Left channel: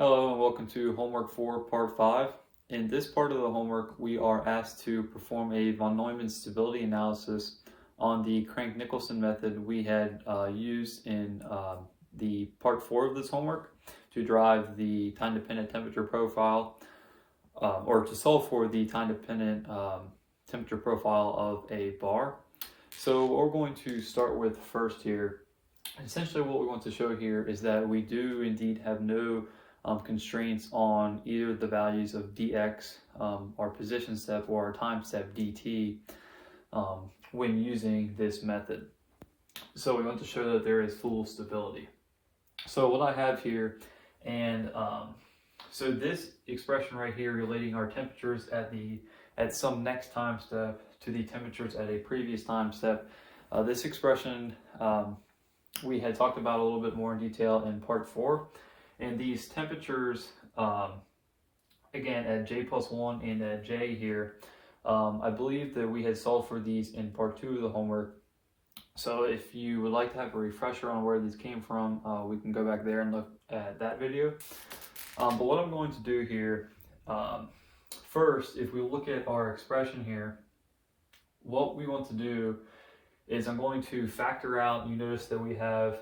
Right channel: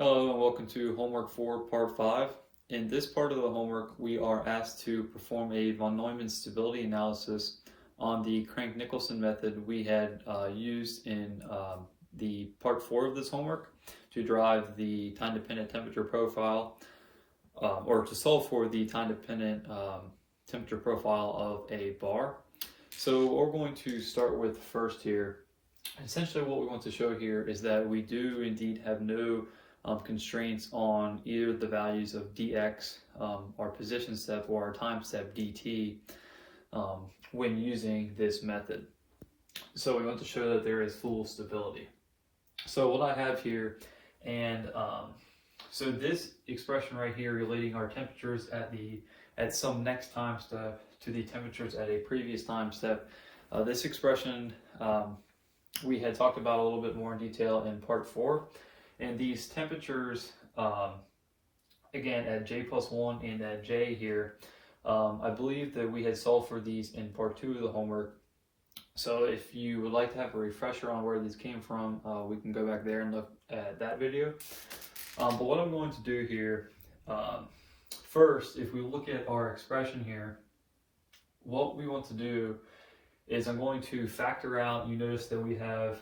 Hello and welcome to homework 4, part 5. In this part of the homework, we are asked to perform a von Neumann stability analysis on the Crank Nicolson method we had used in the part 4 of this homework to derive the time-dependent temperature profile, or to solve for the time-dependent temperature profile of a bar. So what we're going to start with first here, essentially what we want to show here is that we do indeed have no constraints on either the values of dx, our position step, or our time step dt when using this method. So we want to show that there is full stability. So what I have here, and so this expression right here relating our temperatures at some next time step to the temperatures at a previous time step, this expression we had talked about a little bit more in detail in part 4. And these temperatures, again, at J plus 1 and at J here, I believe that we had solved for these in part 2 of the homework. So if you would like to have a refresher on where these came from, we can go back there and look at that video. But what I'm going to do here, first, if we look at our expression here, what we want to do is I'm going to factor out, you notice that we have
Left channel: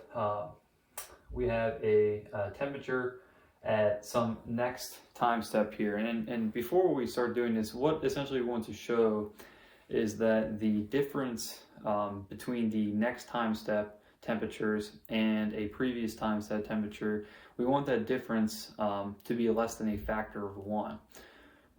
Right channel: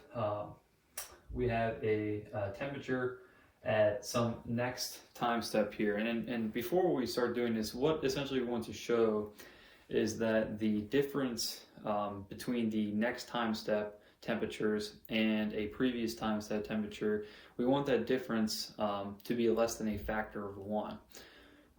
a temperature at some next time step here. And before we start doing this, what essentially we want to show is that the difference between the next time step temperatures and a previous time step temperature, we want that difference to be less than a factor of 1.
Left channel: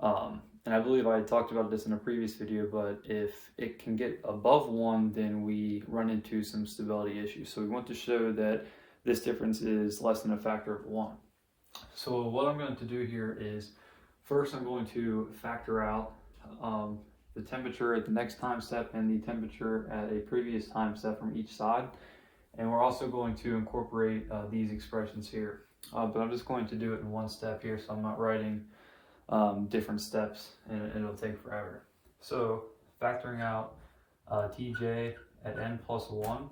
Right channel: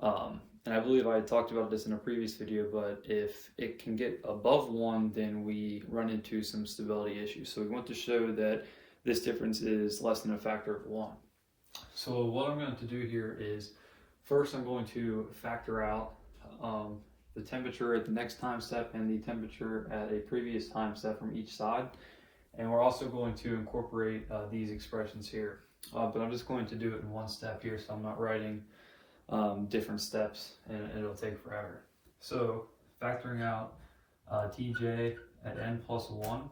And I believe I talked about this in a previous video, but if it can get above 1, then we run into some stability issues. So we want to show that this difference is less than a factor of 1. So what I'm going to do here is, first I'm going to factor out the temperature at the next time step and the temperature at a previous time step from each side. And we're also going to incorporate these expressions here. But I'm just going to do it in one step here, so I'm not writing different steps, and it'll take forever. So factoring out Tj at n plus 1.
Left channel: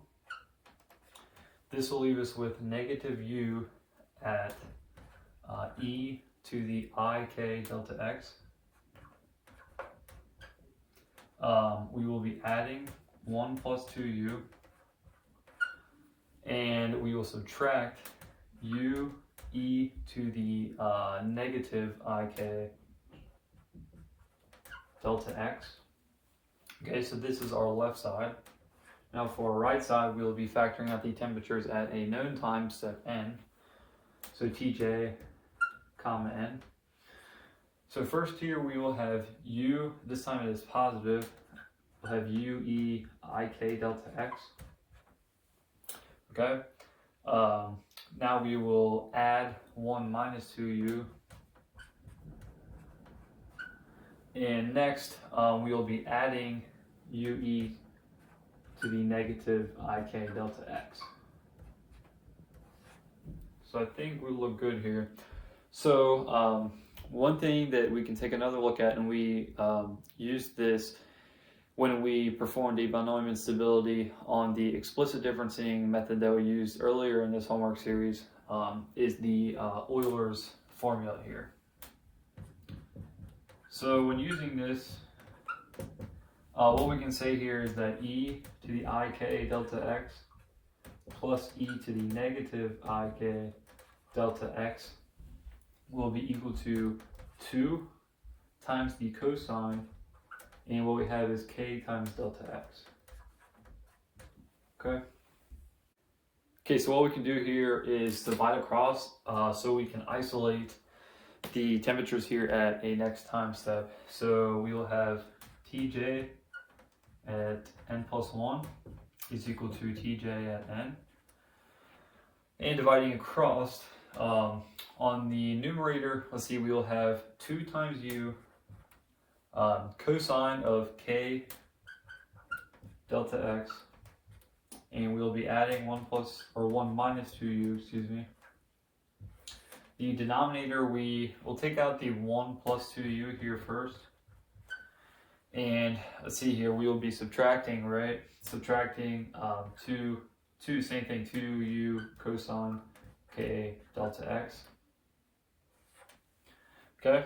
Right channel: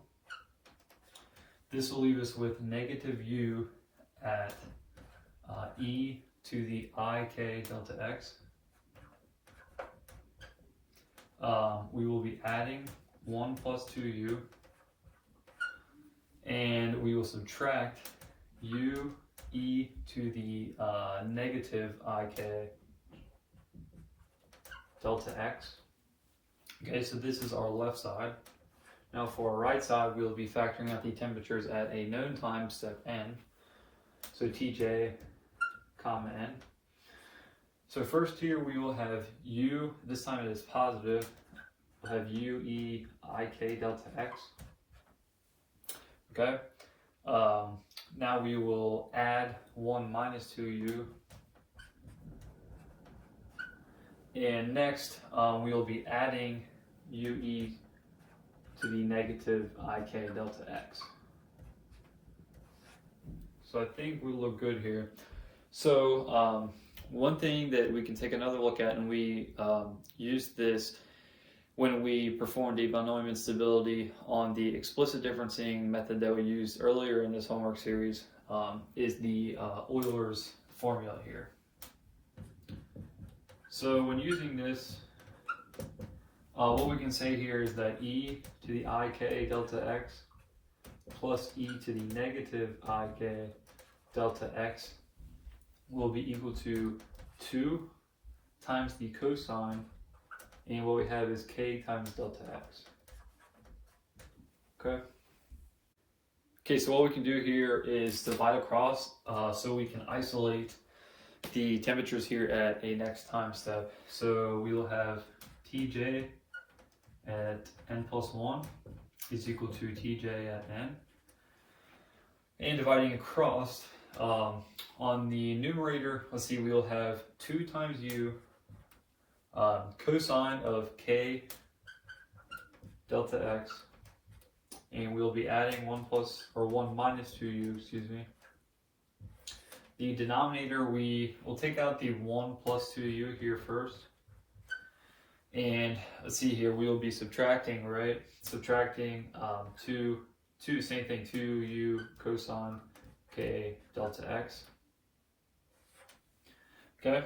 This will leave us with negative u at e to the ik delta x. We will be adding 1 plus 2u, and we will subtract u e to the negative ik delta x. Okay, so this is our left side. Now for our right side, we'll be factoring out the temperatures at a known time step n. So Tj, comma n. So first here we will have u, this time it is positive, we'll have u e ik delta x. Okay. Now we will add 1 minus 2u. And next we will be adding ue to the negative ik delta x. So I think we look good here. So one thing that we can take another look at, and we used this when we performed a von Neumann stability on the explicit differencing method that we used earlier in this homework series, is the Euler's formula here. So when using this, what we can say here is that e to the ik delta x plus e to the negative ik delta x will be equal to 2 times the cosine, and what we have is k times delta x. Okay, so what we can do here is divide across, so we can isolate the temperatures here at a next time step. So we will have Tj at n plus 1 is equal to Tj at n. And dividing across, on the numerator, let's see, we will have 2 times u cosine of k delta x, and we will be adding 1 minus 2u, excuse me. The denominator, we will take out the 1 plus 2u here first. And let's see here, we will be subtracting, right? Subtracting 2, same thing, 2u cosine k delta x. Okay.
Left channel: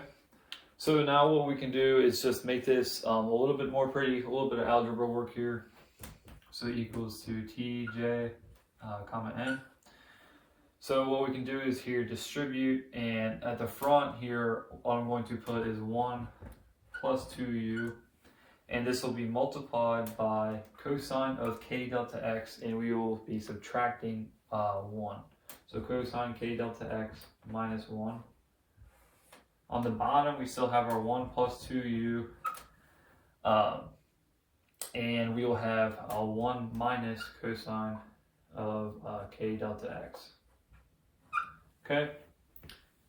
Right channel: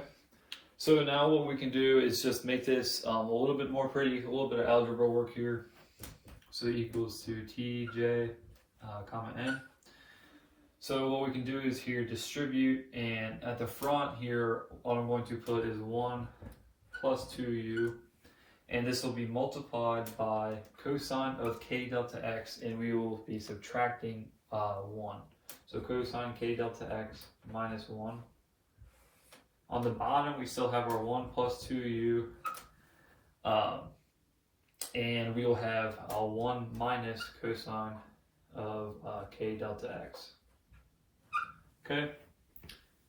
So now what we can do is just make this a little bit more pretty, a little bit of algebra work here. So equals to tj comma n. So what we can do is here distribute, and at the front here, what I'm going to put is 1 plus 2u, and this will be multiplied by cosine of k delta x, and we will be subtracting 1. So cosine k delta x minus 1. On the bottom, we still have our 1 plus 2u, and we will have a 1 minus cosine of k delta x. Okay,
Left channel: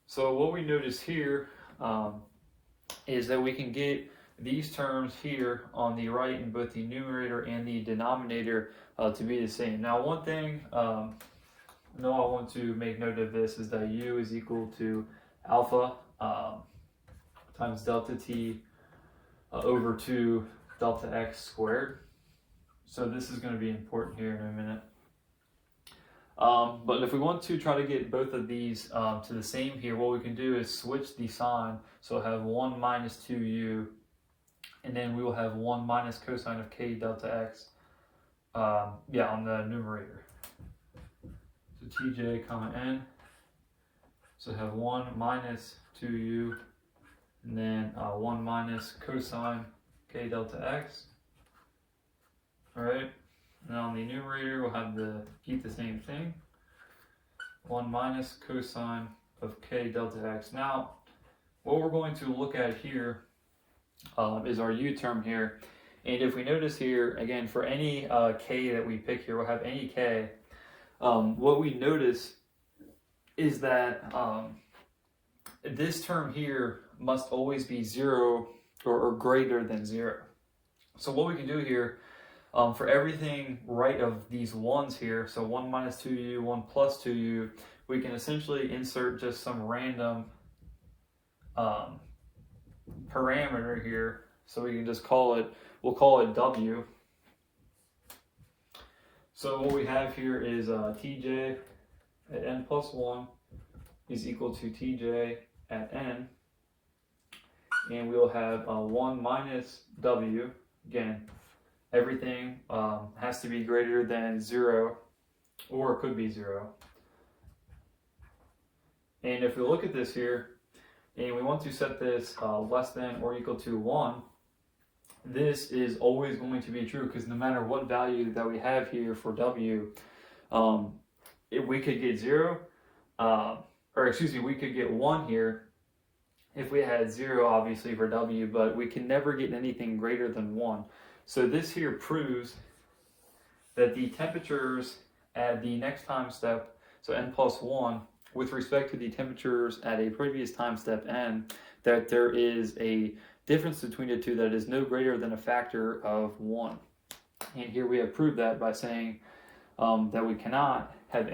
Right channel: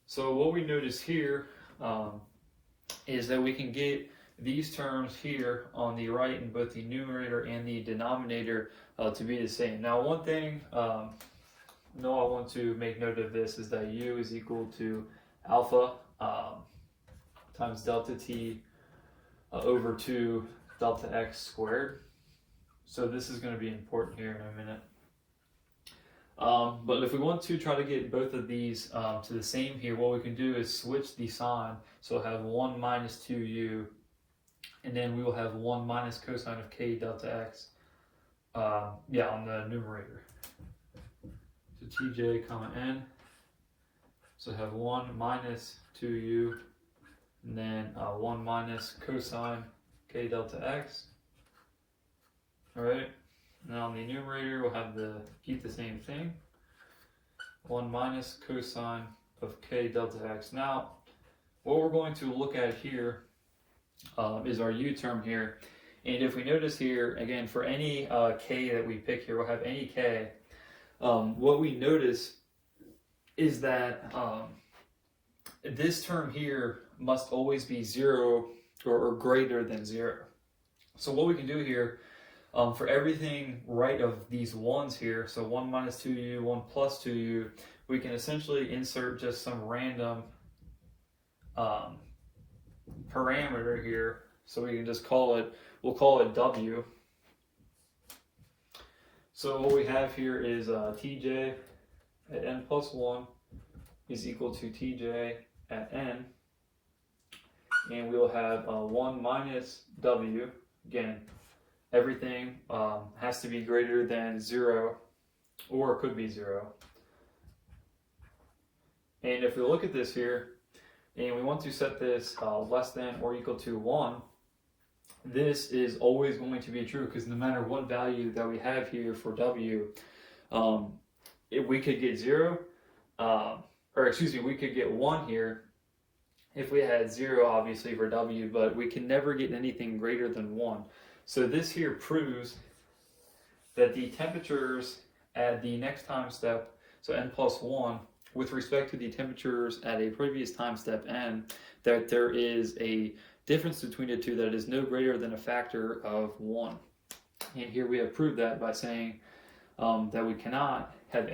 so what we notice here is that we can get these terms here on the right in both the numerator and the denominator to be the same. Now, one thing I want to make note of this is that u is equal to alpha times delta t over 2 delta x squared. So this is going to be important here in a minute. But if we want to try to get both of these to the same here, what we can do is switch the sign. So we'll have 1 minus 2u, and then we will have 1 minus cosine of k delta x, on the numerator. So tj comma n, so have 1 minus 2u, and then 1 minus cosine k delta x. All right. Now on the numerator, we'll have keep the same thing. 1 minus cosine of k delta x. Now, what we're going to look at here is our u term here. And if we notice here, again, for any k that we pick here, we'll have any k. What we notice is that this term here must always be 0 or greater than 0. So what we can do here, for everything right of these 1's here, so 1 minus 2u, 1 plus 2u, we can essentially insert just some random parameter here. So we can just we'll call it w. So what we have here is tj at n plus 1 is equal to tj at n. And we'll have 1 minus w, again, everything has to be greater than 0, or it could be 0. And if we look at this here, and we want to set this less than or equal to 1, this is always going to be true, because no matter what value that we have here for w, if we could get 0, we could get 1 here if we had 0, obviously, for w, but we can never get anything greater than 1. So this here proves that the temperatures at the next time step, so n plus 1, with respect to the temperatures at a previous time step n, that there is a difference between the two that is no greater than a factor of 1. And here we have proved that by saying that we cannot have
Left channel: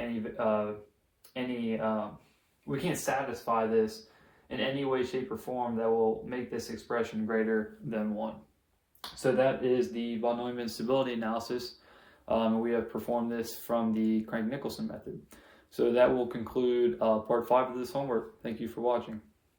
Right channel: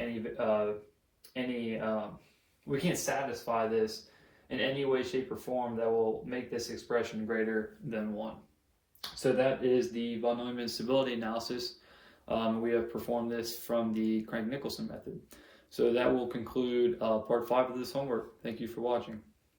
we can't satisfy this in any way, shape, or form that will make this expression greater than 1. So that is the von Neumann stability analysis. We have performed this from the Crank Nicolson method. So that will conclude part 5 of this homework. Thank you for watching.